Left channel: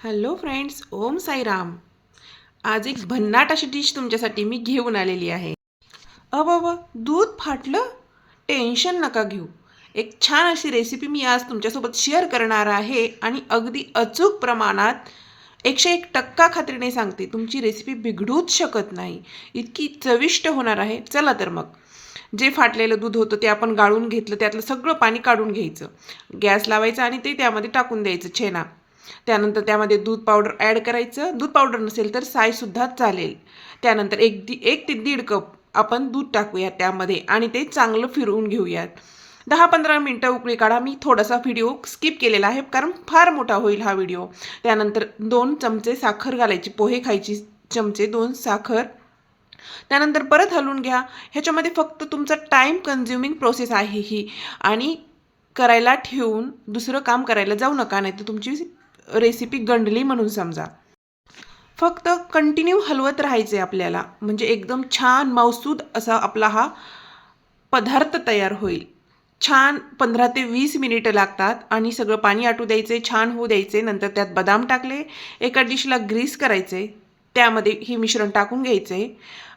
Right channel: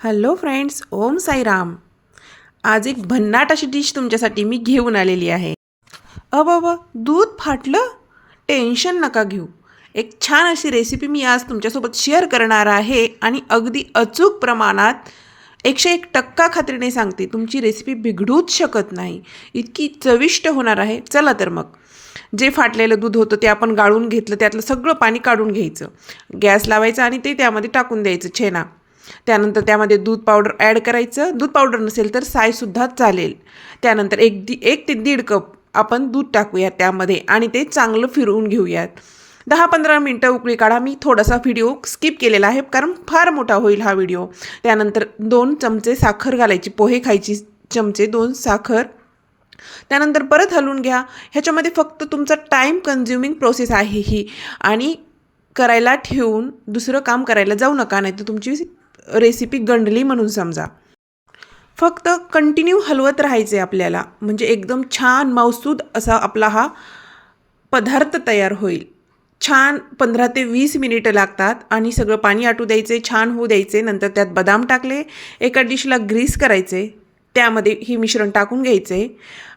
Hello friends, Om Sairam. आज एक भन्नाट अशी डिश तुमच्यासाठी मी घेऊन आलेली आहे. अब दूध फाटलं, टेन्शन नका घेऊ. एक छान अशी रेसिपी मी आज तुमच्यासोबत शेअर करणार आहे आणि अगदी अचूक प्रमाणात 101% खात्रीने सांगते, तुमची रेसिपी बिघडूच शकत नाही. इतकी चविष्ट होणार आहे. चला तर मग. जे फाटलेलं दूध होतं ते आपण गाळून घेतलं, त्यातलं सगळं पाणी काढून घ्यायचं. गॅस लावायचा आणि ते त्यामध्ये टाकून द्यायचं छेना. त्यानंतर त्यामध्ये दूध पावडर ॲड करायचं. दूध पावडर नसेल तर सायसुद्धा चालेल. त्यानंतर 1 ते 1.5 कप आपण दूध टाकूयात त्यामध्ये आणि ते चांगलं फिरवून घेऊयात. 10-15 मिनटं उकळी काढा. मी थोडासा व्हिडिओ स्किप केलेला आहे कारण फार मोठा होईल हा व्हिडिओ. त्यानंतर 2 चमचे साखर घालायची. पोहे खायची चमचे 2 साखर. त्यानंतर परत हलवून घ्या. ह्याच्यामध्ये फक्त तुमचा टाईम कन्झ्युमिंग प्रोसेस आहे ही आणि करायला ठेवून दुसरं काम करायला जाऊ नका, नाही तर तुमची रेसिपी गंडली म्हणून समजा. फक्त कंटिन्यू हलवत राहायचे आपल्याला, म्हणजे एकदम छान मौसूद असा आपला हा पदार्थ तयार होईल. छान 15 ते 20 मिनिटं लागतात आणि सगळं पाणी आटू द्यायचे, छान होऊ द्यायचे. नंतर त्यात बदाम टाकले. एका डिशला ग्रीस करायचे, त्यामध्ये ही मिश्रण टाकून घ्यायचे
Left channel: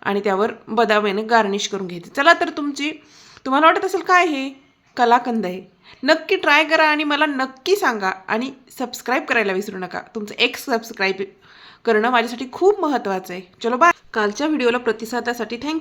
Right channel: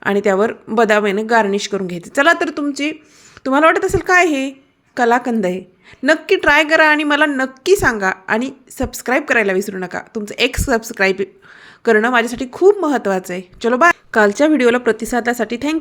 आणि त्यावर बदामाने गार्निश करून घ्यायचे. चला तर तुम्हाला वाटत असेल काय हे कलाकंद आहे. नक्की ट्राय करा आणि मला नक्की सांगा आणि सबस्क्राईब करायला विसरू नका. तुमचं एक सबस्क्राईब करणं माझ्यासाठी खूप महत्त्वाचं आहे. चलो बाय. कालच्या व्हिडिओला प्रतिसादासाठी थँक्यू.